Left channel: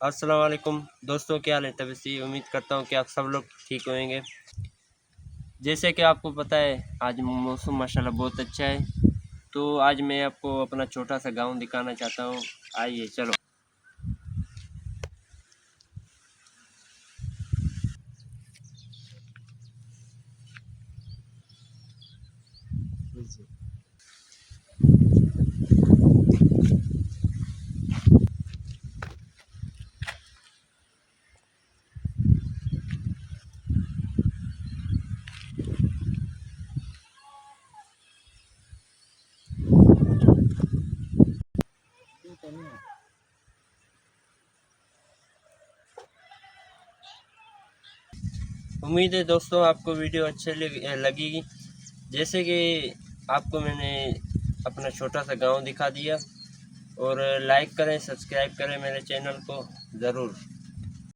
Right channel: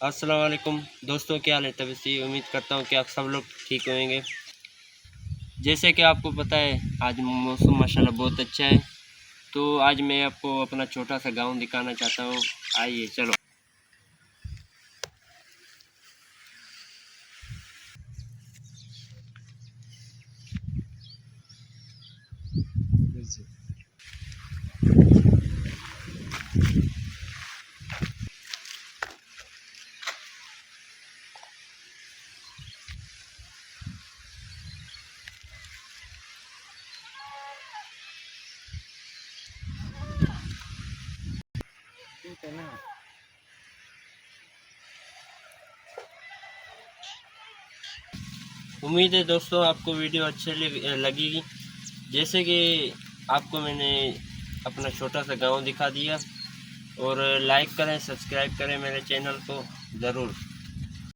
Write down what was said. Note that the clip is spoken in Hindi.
अस्सलाम वालेकुम दोस्तों, क्या हाल है? तबीयत से उम्मीद करता हूँ कि आप सब लोग ठीक होंगे। जैसे कि आपको पता है, आज मौसम माशाल्लाह बहुत अच्छा है। तो आज मैं आपको अपना छोटा सा गांव दिखाना चाहता हूँ। आइए चलो। उम्मीद है दोस्तों आपको वीडियो अच्छी लगेगी। जैसे कि आपको मैंने अपना छोटा सा गांव दिखा दिया। और लाइक करें, सब्सक्राइब करें मेरे चैनल को ज़रूर।